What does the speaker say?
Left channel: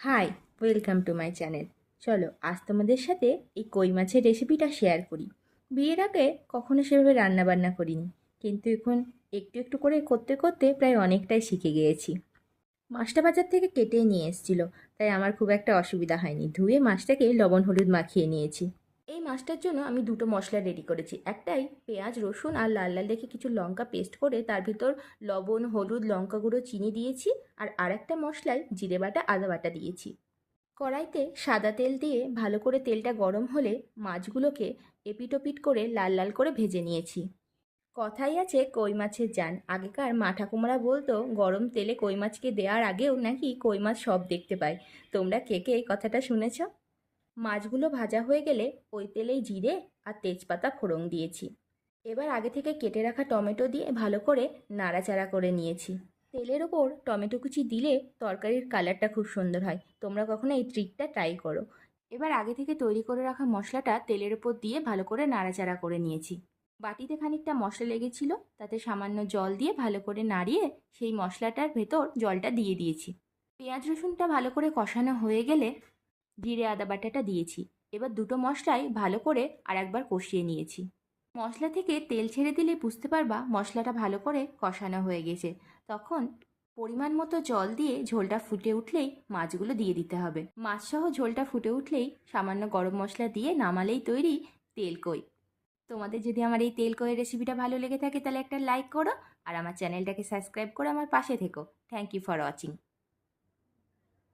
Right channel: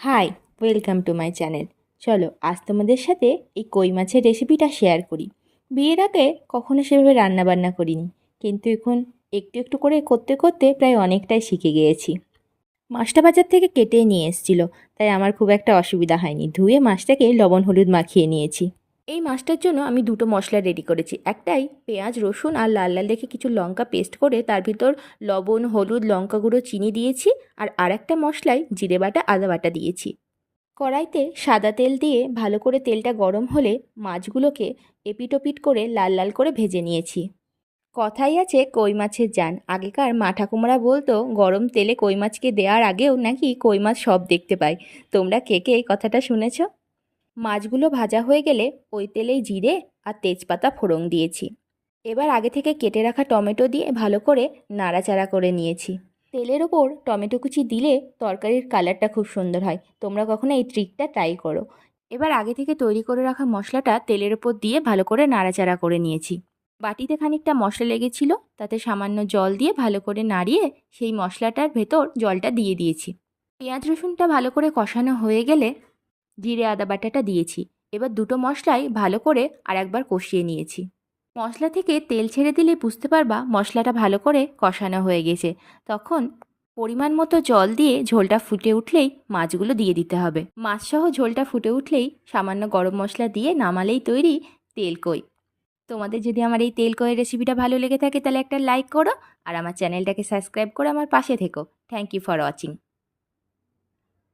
High, welcome to my channel. চলো আজ তোমাদের সাথে এই কই মাছের রেসিপিটা শেয়ার করি। বিয়ের আগে কখনো সেভাবে রান্নাবান্না করিনি, কিন্তু এখন একটু একটু করে করতে করতে প্রায় অনেকটাই শিখে গিয়েছি। মাছটা বাজার থেকে কেটে নিয়ে এসেছিলো, তাই আমার খুব একটা অসুবিধা হয়নি। ধুয়ে মাছটাকে লবণ হলুদ মাখিয়ে নিয়েছি। এই মাছটার জন্য আমি দুটো মশলা রেডি করেছি। একটাই পেঁয়াজ রসুন আর লাল লাল দেখে কিছু লঙ্কা পেস্ট করে তার ভিতর লবণ হলুদ লঙ্কা গুঁড়ো চিনি দিয়েছি, আর আরেকটা মশলায় জিরে বাটা আদা বাটা দিয়েছি। কড়াইতে সাদা তেল দিয়ে ভালো করে তেলটা গরম হলে মাছগুলোকে এপিটোপিট করে লাল লাল করে ভেজে নিয়েছি। কথাই আছে কই মাছের জান। আগেকার মা ঠাকুমারা বলতো গরম তেলে কই মাছকে দেওয়ার আগেও নাকি কই মাছ সব দেখতে পায়। তোমরা কে কে এই কথাটা শুনেছ? মাছগুলো ভাজা হয়ে গেলে ওই তেলেই জিরে আর তেজপাতা ফোড়ন দিয়েছি। এবার আগে থেকে কেটে রাখা টমেটো দিয়ে ভালো করে নাড়াচাড়া করে নিয়েছি। তেলের ওপর টমেটো কুচি দিলে তরকারির কালারটা খুব সুন্দর হয়। তোমরা কখনো এই ট্রিকটা ট্রাই করো। এবার আগে থেকে তৈরি করে রাখা মশলাটা তেলের ওপর দিয়ে ভালো করে নাড়াচাড়া করে নিয়েছি। বাটিতে খানিকটা মশলা লেগেছিল, তাতে সামান্য জল দিয়ে ভালো করে নাড়িয়ে সেই মশলাটার ভেতর জলটা দিয়ে দিয়েছি। পেঁয়াজ রসুনটা ভালো করে কষানো হয়ে গেলে জিরে আদা বাটাটা দিয়েছি। এবার দুটো মশলাই ভালো করে আরেকবার কষিয়ে নিয়েছি। মশলা থেকে তেল ছেড়ে দিলে বুঝতে পারবা মশলাটা ভালো করে কষানো হয়ে গেছে। তখন পরিমাণ মতো জল দিয়ে ঝোলটা ফুটে উঠলেই মাছগুলো দিয়ে দিতে হবে। মাছসহ ঝোলটা ফুটে উঠলেই সামান্য গরম মশলা দিয়ে নামালেই তৈরি তেলকই। তোমাদের যদি আমার এই তেলকইয়ের রেসিপিটা ভালো লেগে থাকে তাহলে একটা লাইক করো, আর আমার চ্যানেলটাকে সাবস্ক্রাইব করে আমার পাশে থেকো। Thank you for watching.